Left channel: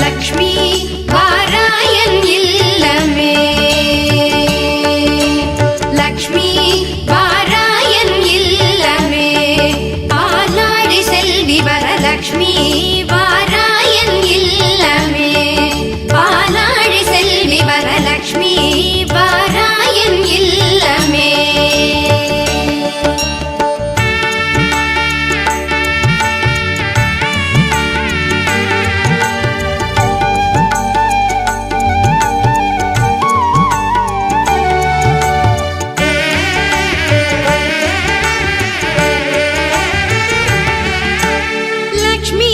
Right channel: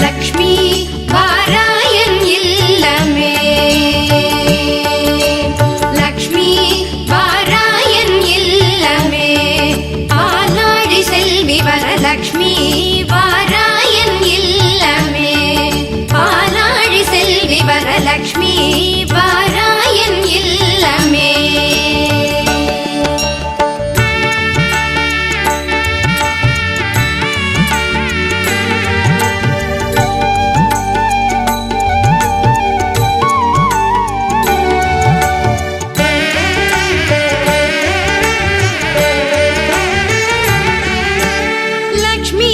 Lakshmi வாராயன் இல்லமே. Lakshmi வாராயன் இல்லமே. ஆலாழி Selvi Varalakshmi வாராயன் இல்லமே. ஆலாழி Selvi Varalakshmi வாராயன் இல்லமே. Lakshmi